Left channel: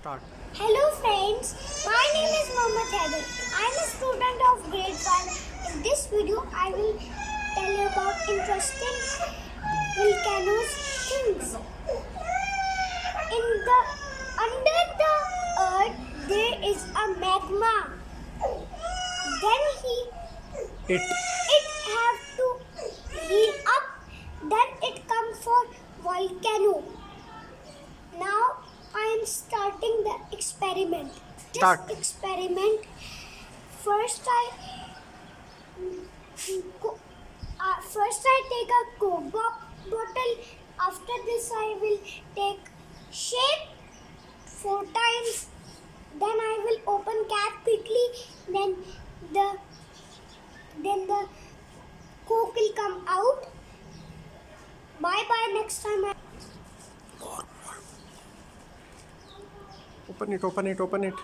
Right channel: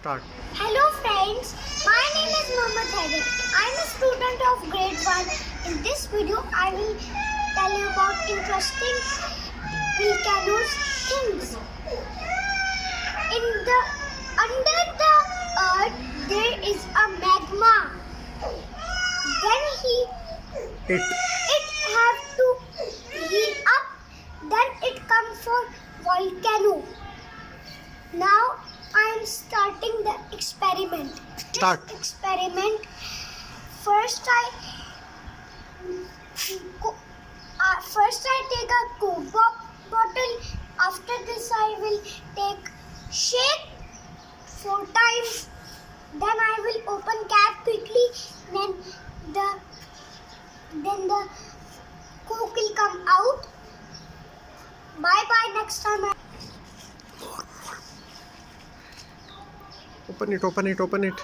Start. Hello friends, my name is Mohammed Haider. I am a student of grade 1. In this video, I will tell you about interesting volcanoes things. Under the earth there is a magma. Then it have to heat up. Then it comes for volcano. Now I am starting the experiment. Start. This experiment, first I take a Coke bottle. After this I will take shake 4 times. Then I will open cap quickly. Then the Coke will come out. Bye bye. Next time. Open it.